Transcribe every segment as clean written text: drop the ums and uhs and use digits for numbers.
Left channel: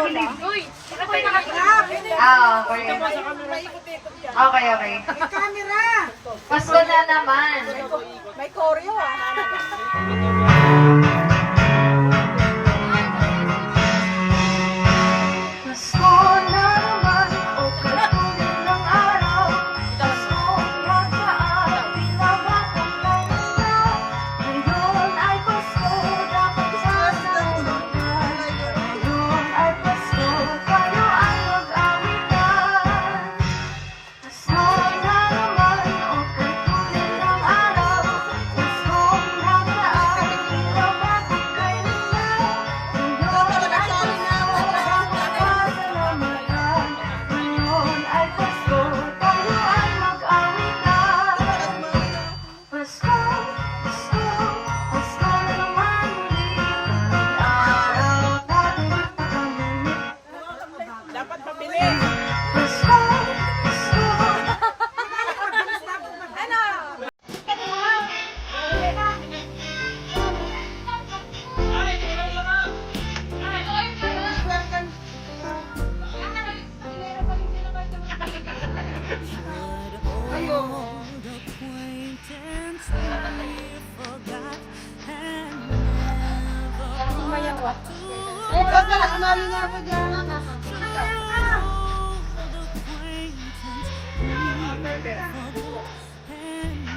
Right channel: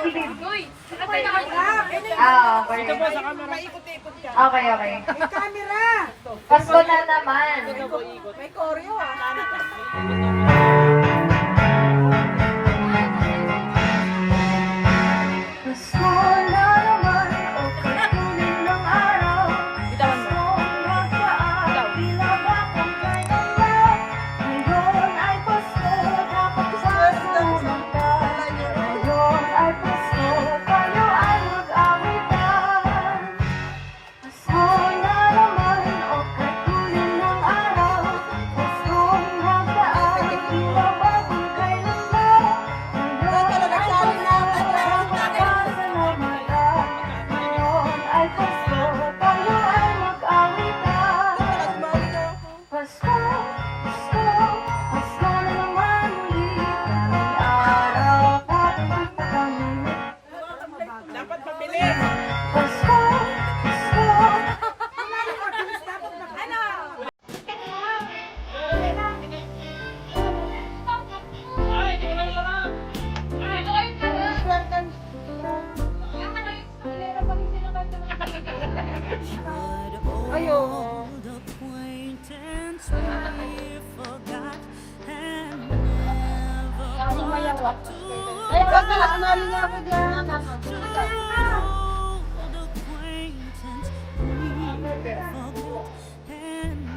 tagilid. Ah, okay. Okay, okay. Camera! Pasko na naman. May choreo ah. Pasko na naman, o katuloy ng araw. Pasko magkaan, pinabakang kailan lang. Ngayon ay Pasko, dapat sasalamat. Ngayon ay Pasko, kayo ay mag-awitan. Pasko na naman, o katuloy ng araw. Pasko magkaan, pinabakang kailan lang. Ngayon ay Pasko, ngayon ay Pasko, tayo ay mag-awitan. Pasko, Pasko, Pasko na naman ulit. Ang araw natin pagkamulit. Dapat mabili. Pasko, Pasko. Old acquaintance we forgot and never brought to old acquaintance we forgot and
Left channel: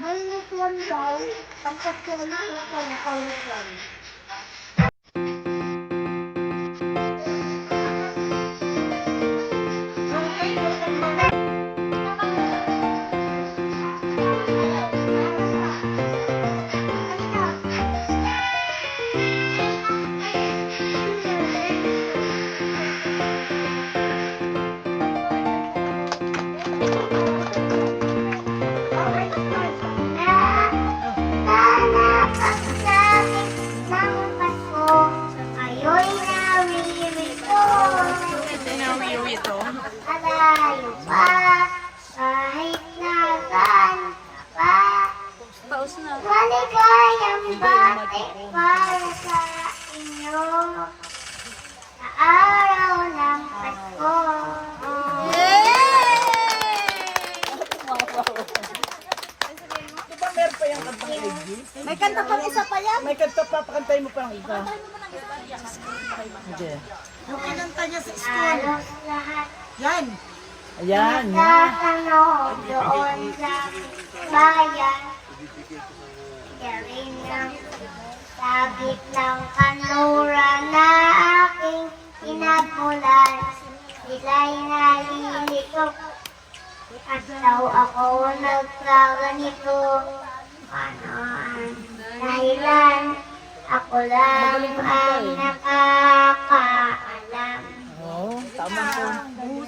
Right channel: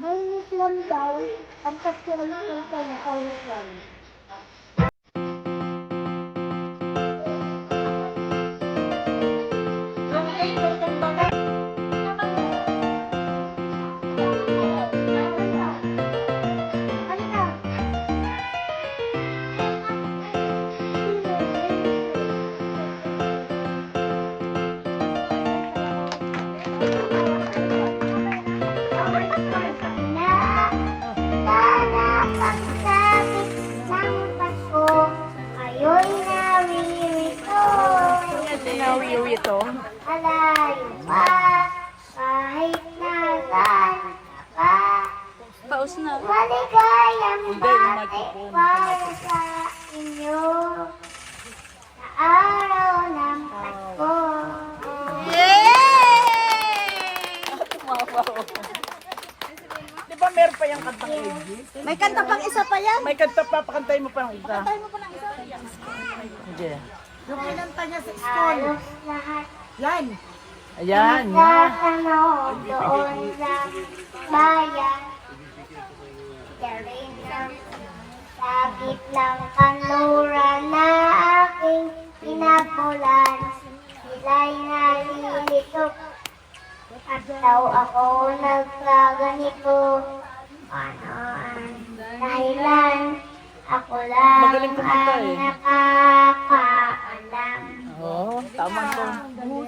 Ngayon daw, ang Pasko na ang pangkalutan. Sinawiwi ito. Malayo pa, kahit nasaan ka pa. Maligayang bati para sa inyo sa araw ng Pasko. Di ba meron pa yung kantang Edgy? May kanta pang isa pa yan. May kanta pa, pakantay mo pa ng iba. Hindi. Yung kinanta niya sa school. Halos lahat Yan. Ayan, yan. nagkakanood doon sa bayan. Galing ng sabit ng kanluran na aking pinagmulan. Sila'y nalilito at daw ako nagkaganito. Ano ang dahilan? Ako lang ay nakakaalam. Oo, tama po.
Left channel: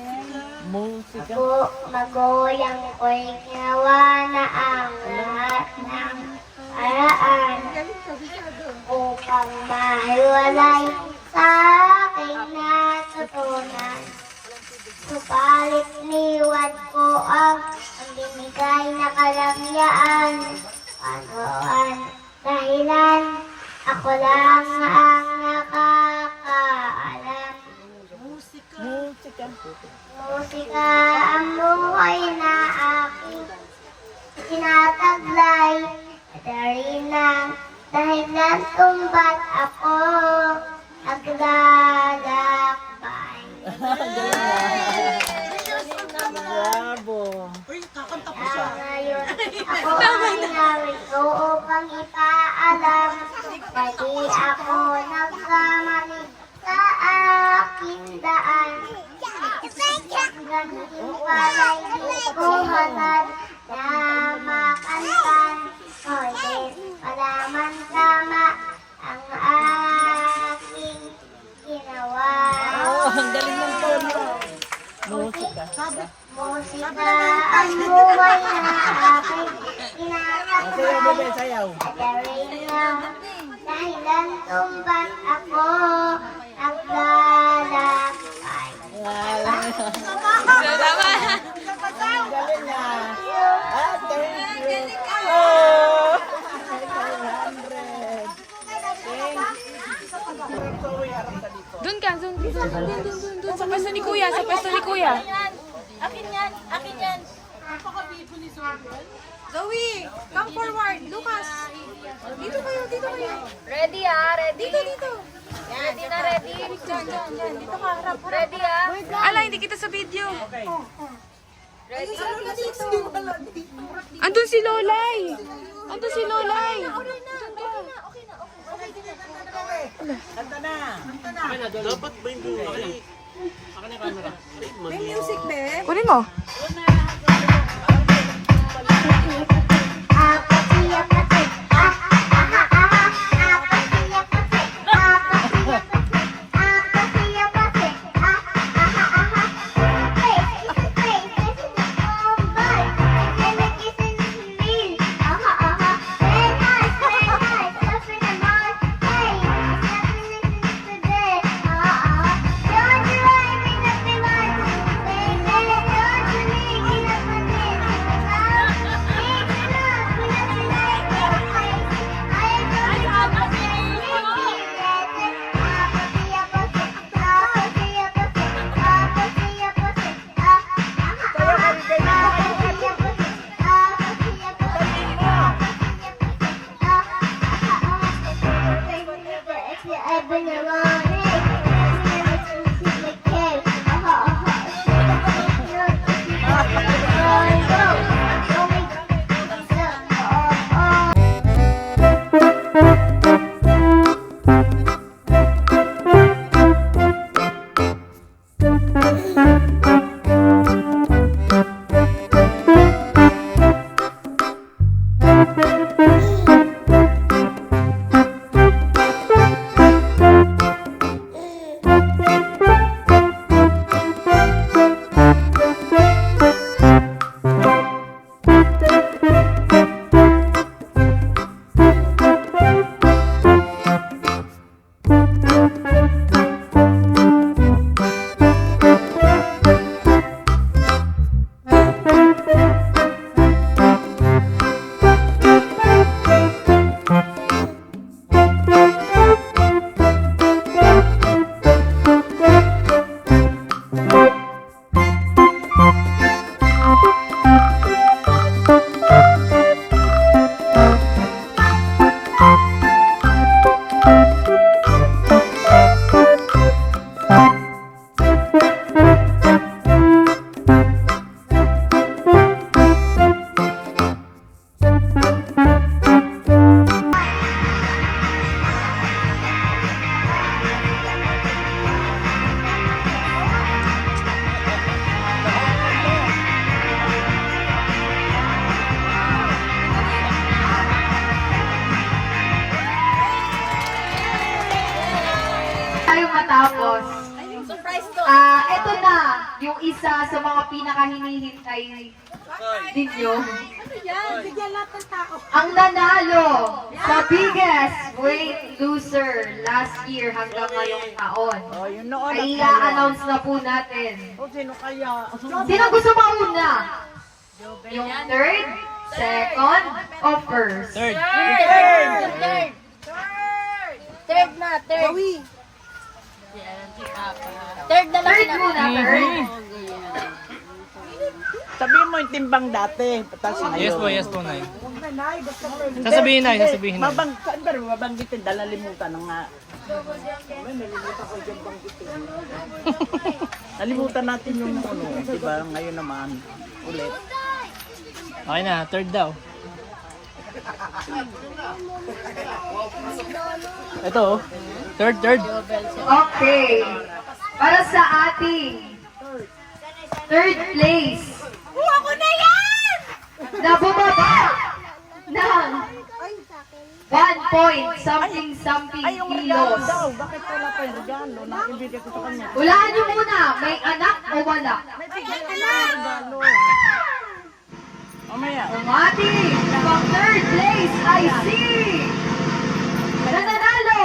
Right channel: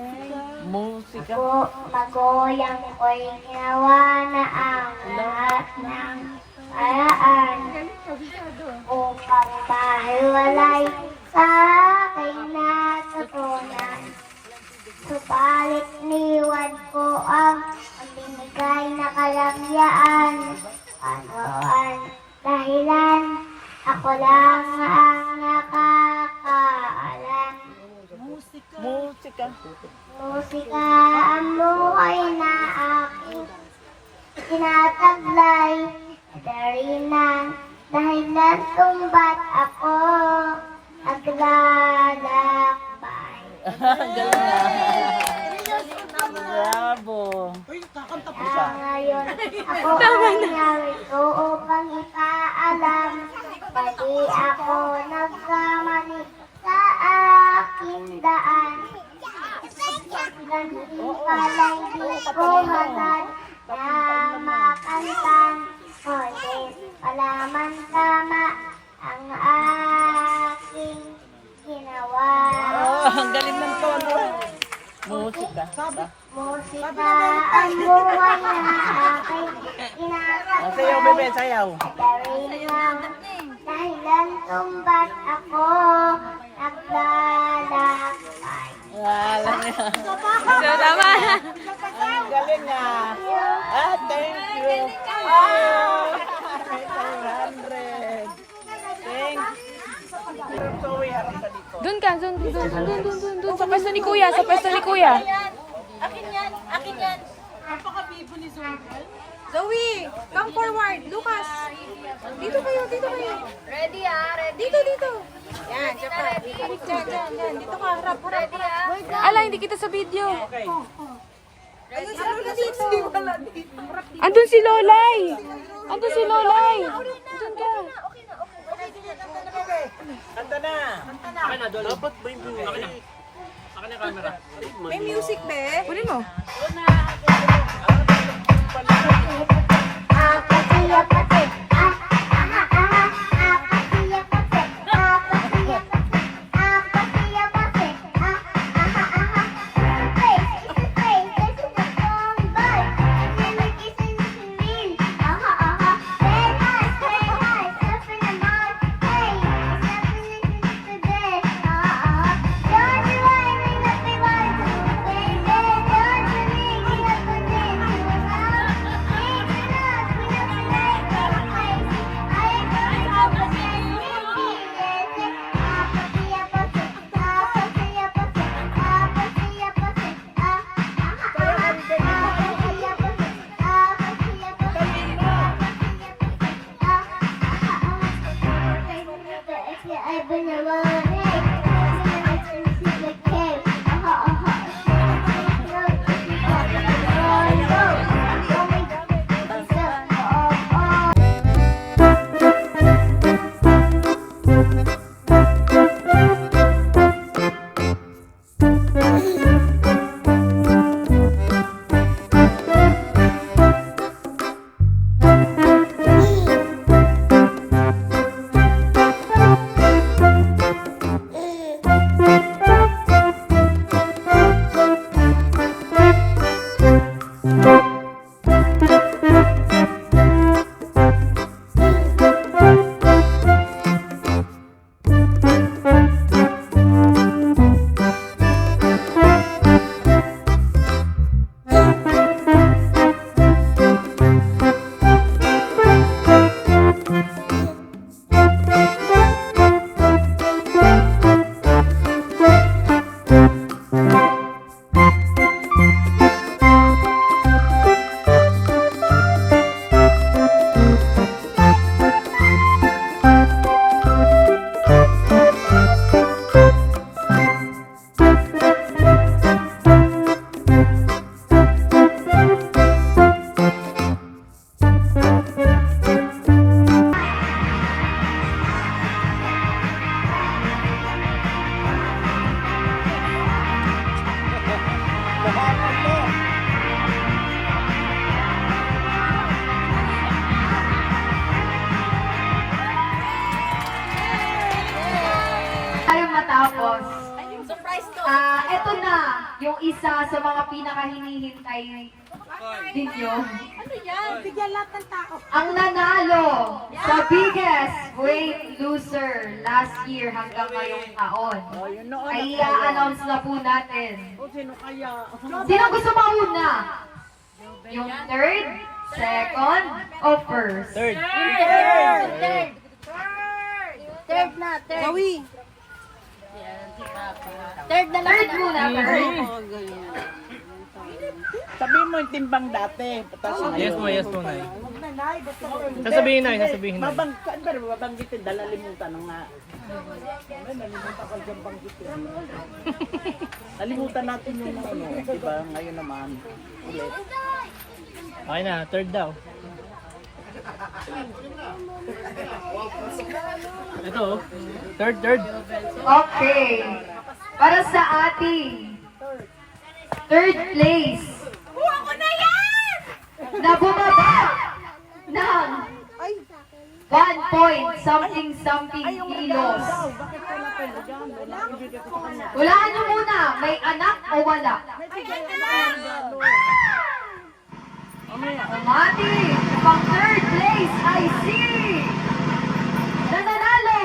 Musika. Magoyang ko'y ginawa na ang lahat ng paraan upang mahiwalay sa aking natuto. Musika ang buhay na aking tinataglay. Dari na dahilan kung ba't ako naglalakbay. Bravo. Ngayon, ako ay narito upang ipaalam na di ako nagkamali sa aking daan. Ganun pala'y di ko hagad na makantan. Ngunit palaman tama ang aking ginawa. Ang galing ng tono. Musika. Musika ang buhay na aking Sayaw, tinataglay. bebe, sayaw. Dari na dahilan kung ba't ako naglalakbay. Wala niya. Ang galing niya. Ah, thank you. Oh. 100. Doon ka, doon. Sa pwesto ni Kuya, sa pwesto ni Kuya. Akin yan. Zoe, come forward. Lucas. Dito kayo. Ready ready. Dito. Yan, dito ready. Dito ka, harap. Ready Ala, hindi kita sa video. Ayun sa lola dito. Andun si Lolay. Andun si Lolay. Kanta na. May music, be. Kunin mo. Tayo matapos. Ito na, yung isa sa mga pinaka-hinihintay ninyo. Bigyan lahat ng tao. Ang nanalo sa biggest weight loser last year hanggang ngayong taon. Yun noon. Ay i-announce na po natin. Sino kaya? Sino gusto mauna? Yung third, second, o first? Third. Third na, third. Third na lang. Third muna, third. Sabihin mo yung timbang dati. Tapos Yes po, Nay. Nanay, gusto ko rin. Sasabihin, Nay. Nay. Saan ba rin mabanggitin? Dalalimutan na nga. May nalimutan ko dyan banggitin. Nalimutan natin yung ano, diba? Ngayon naman, ulit. Okay na, third daw. Ito, oh. Third. Okay. Para sa ating third place. Ako na yan! Na bumaba ng 1 point something kilos. Bakit pala kayo dyan? Ibigay ko sa kanya. Hulaan niyo muna, may anak o wala? Mamaya. Ang ating pang third place ay si nananalo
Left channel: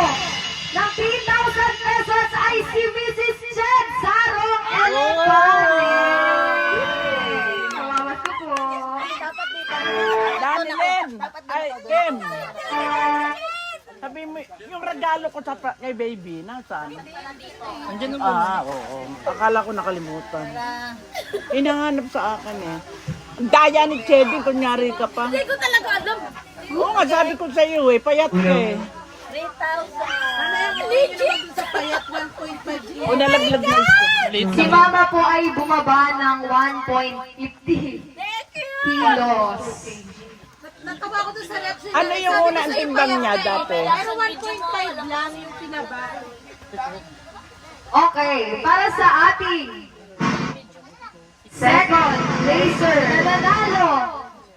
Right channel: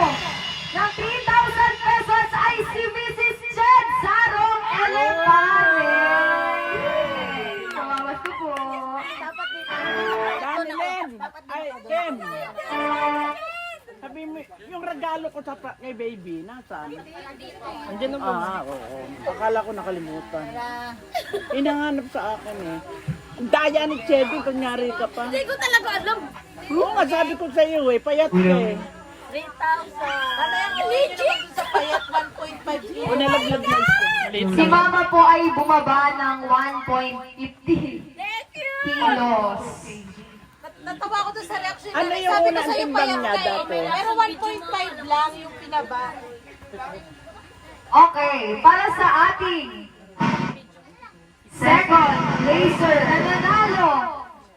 ng 3,000 pesos ay si Mrs. Chen Sarong Elefante. Salamat ko po. Danilin! Ay, Kim! Sabi mo, yung regalo ko kay baby, nasaan? Andiyan na po. Oo. Akala ko nakalimutan. Inahanap sa akin eh. Daya ni Chedi, kunyari ka pa. Hindi ko talaga alam. Oo nga, sabi ko sa iyo eh, payat ka eh. 3,000. Legit? O nalaglag na ito. Si Mama po ay bumaba ng 1.50 kilos. Natawa ko doon sa reaction. Ano yung unang timbang niya dati? Pero 1.5 lang yung pinaba. Okay, para sa ating second laser na nanalo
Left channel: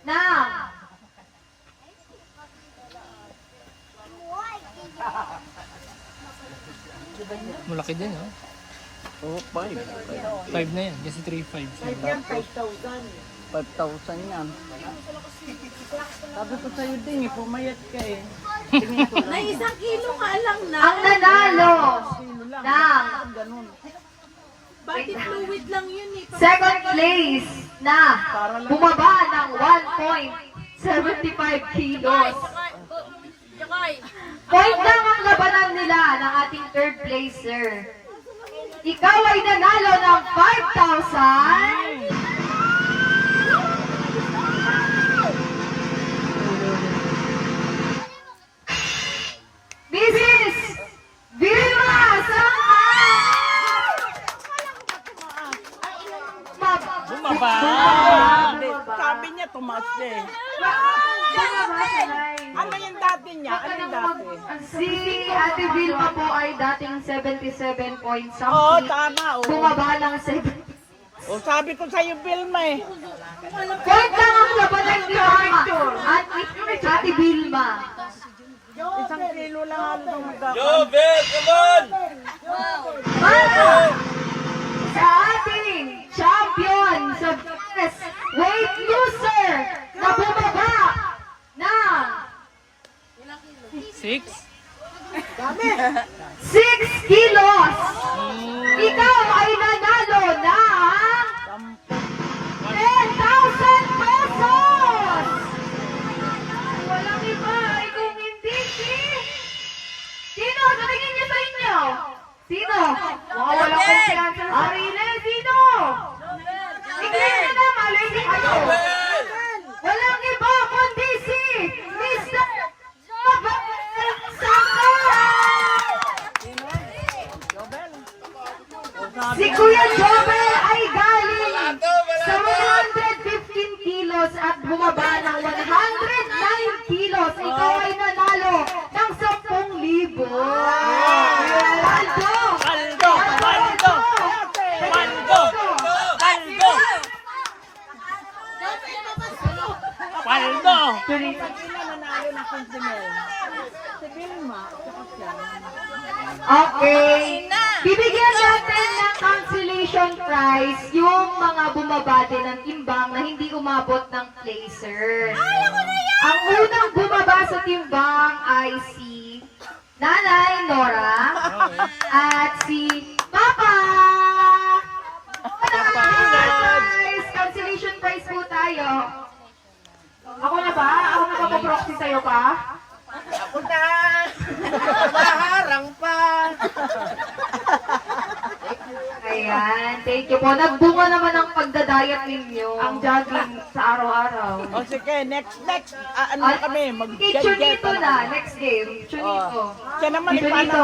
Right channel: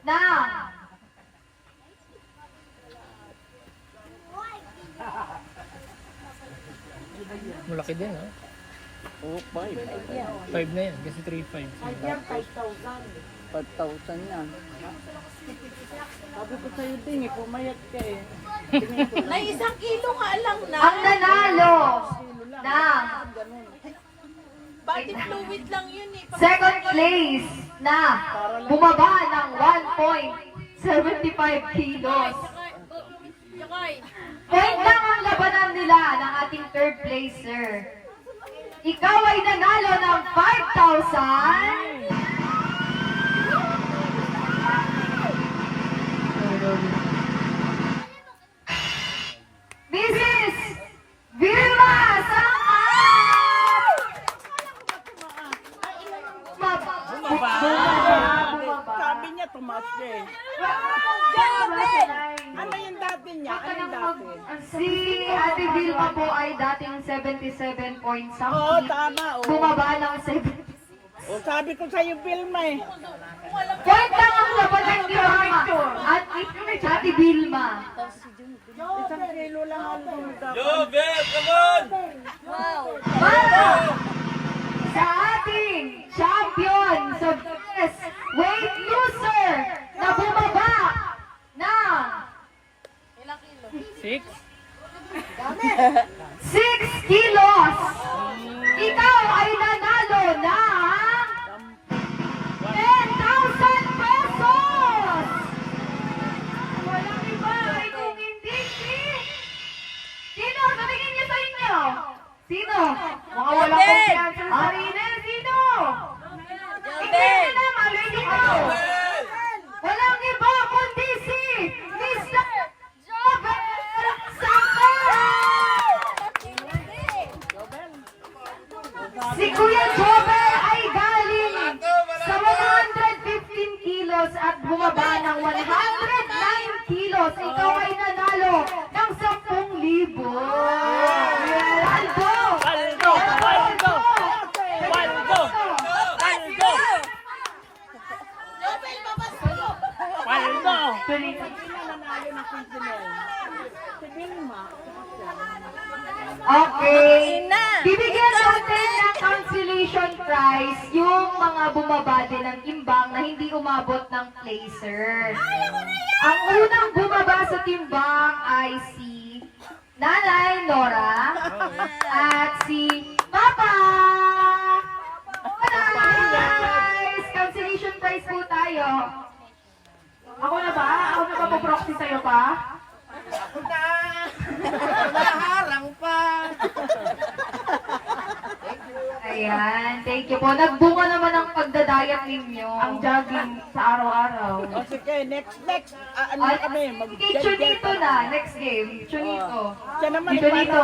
ng Malaki din, oh. Oo, 5. 5 na yan. Kasi 3-5. 5,000 yan. Sabi ko sa'yo din eh, pumayat ka eh. May 1 kilo nga lang na. ang nanalo ng Bakit fluid lang yun eh. second place na bumaba ng 1.75 kilos. Yakay. Point lang ang labanan nila ng ating third placer. Ikaw ay nanalo ng 5,000. Mrs. Vilma Bumaba! Sabi niya, tumaas eh. Ano yung dati niya? Ano yung dati? Si Ate Vilma po ay dating 77 point Oo, something. tama. Oo. Bumaba ng 70. O sabi ko sa'yo, Vilma eh. Point lang ang labanan ni Mama at Ate Vilma. 1 kilo lang ang bumaba. Para sa ating champion sa best weight loser na bumaba ng 6? 6 kilos. Ikaw ay nanalo ng 10,000 pesos. Walang iba ay kung hindi Sino? Sabihin niyo sa inyo. Sino? Mga walang kumpiyansa. Arine, sino? Tingnan niyo na, malili kayo. Walang iba kundi si Mr. Jovel Sangka. Si Kuya Jovel ay galing sa 115 kilos at bumaba ng 109 kilos. Ikaw ay nanalo ng 10,000. Paldo! Paldo! Paldo! Paldo! Paldo! Paldo! Okay. Bibigyan natin ng consolation prize yung mga bumaba din ng timbang na hindi umabot ng placer. Ang unang bumaba sa timbang ay si Nanay Nora at si Papa. Guys, consolation prize po tayo. Ako na ba? Ako na magpaproxy sa'yo pa? Ako na! Naharang pa! Thank you po. Nagbunga naman ang pagdadayat ninyo. Ang jogging sa araw-araw. O sige, next. Ano At kami? si Chunito na. Next game. Chunito. Siya naman Chunito.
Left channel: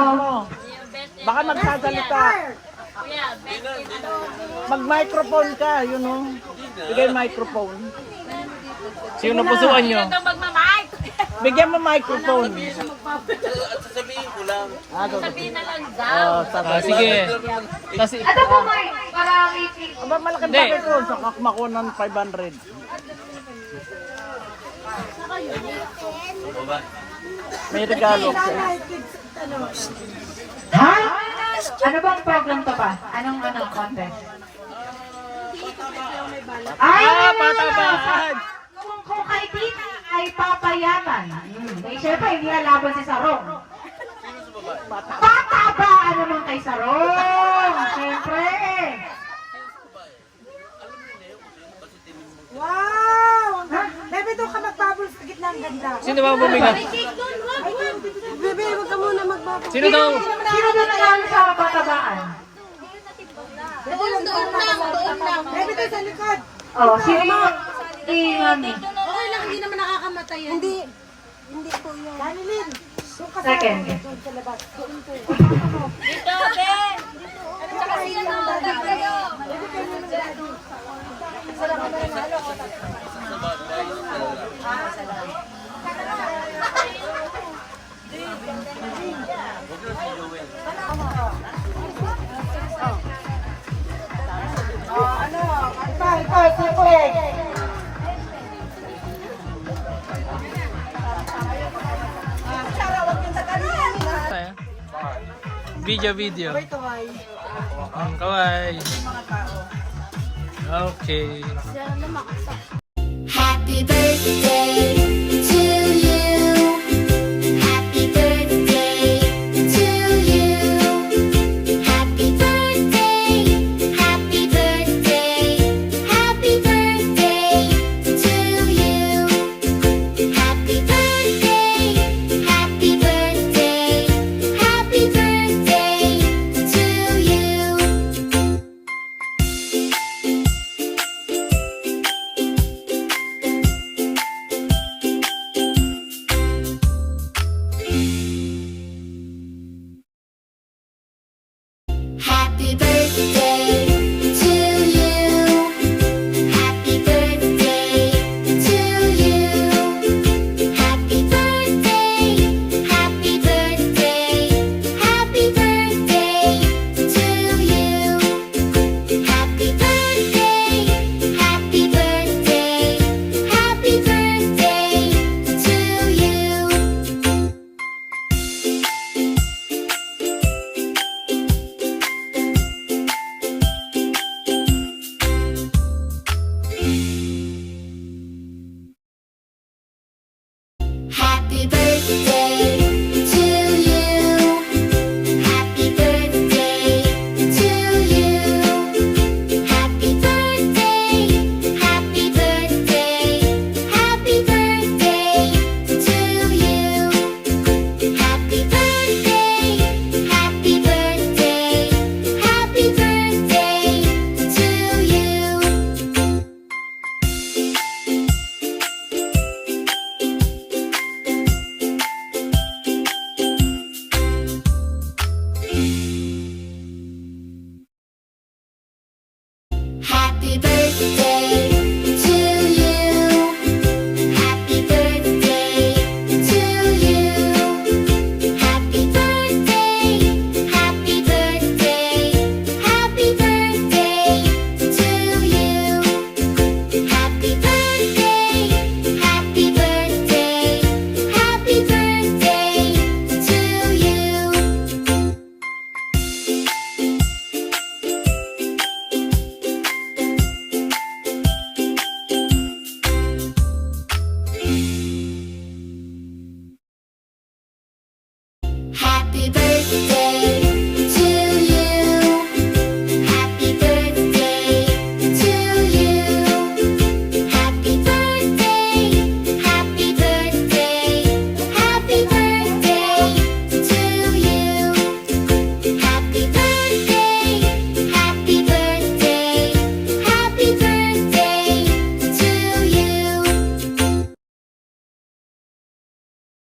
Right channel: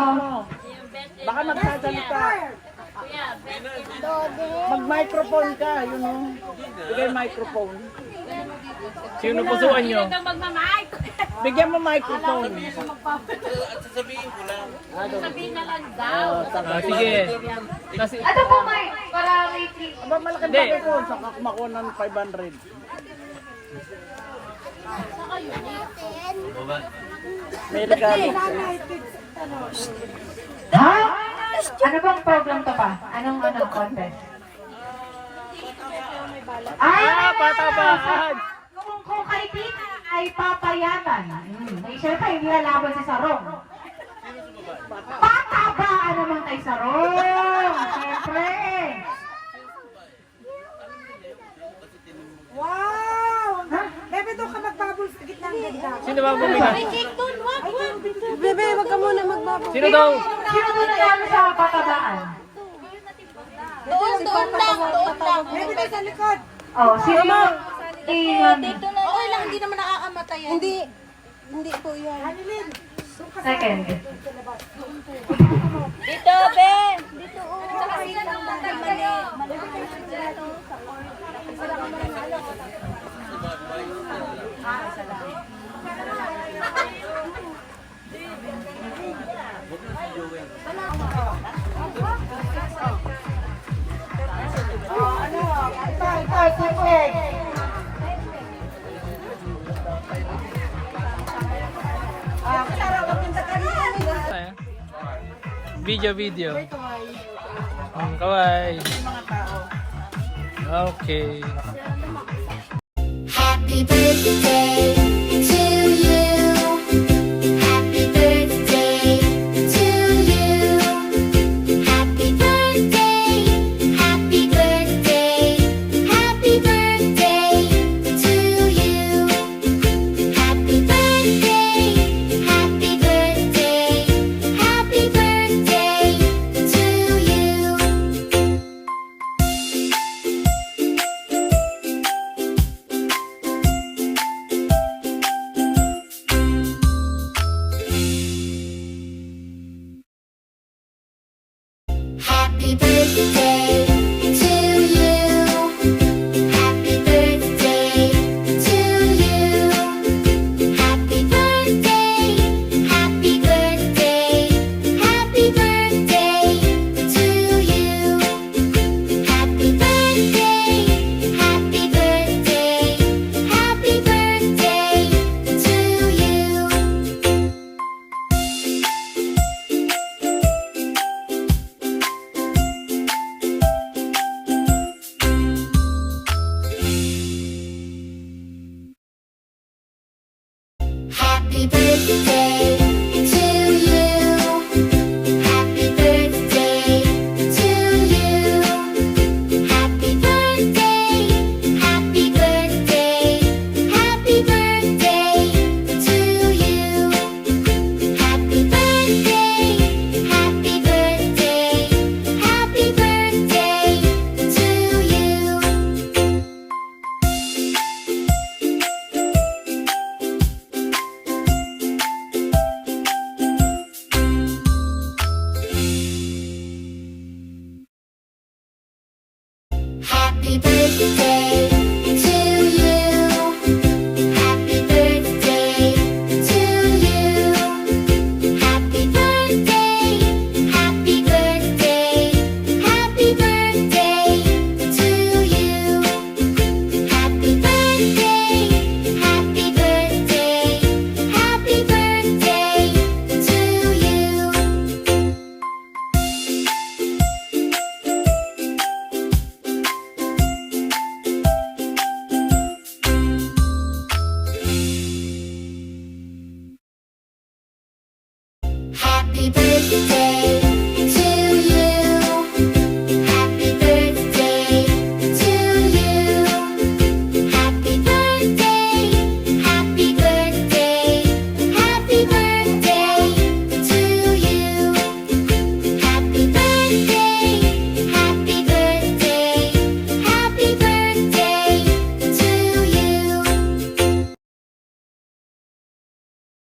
Baka magsasalita. Mag-microphone ka, yun o. Bigay microphone. Sino pusuan nyo? Bigyan mo microphone. Sige. Tas, Ano po, Mike? Para waiting. Malaking Hindi. microphone sa kakmako ng 500. May regalo. Ha? Ano bang problem to pa? Anong contest? patabaan! Kung kay Tina ay papayatan. Siyempre, hindi nalaban si Sarong. Patabaan naman kay Sarong. Siyempre. Wow! Bebe, doon ka magbabol sa gitna ang ganda. Sino ba ang bumiga? Bebe, wag ka muna magbabol. Sino daw? Sino doon nanalo sa patabaan? Doon lang. Bebe, doon sa likod. Oh, sino yung Mami? Okay lang, hindi naman nakakamatay yan. Hindi ito yun. Danilin. Second. Ito, siyempre. Video. Kawai. Okay. Happy birthday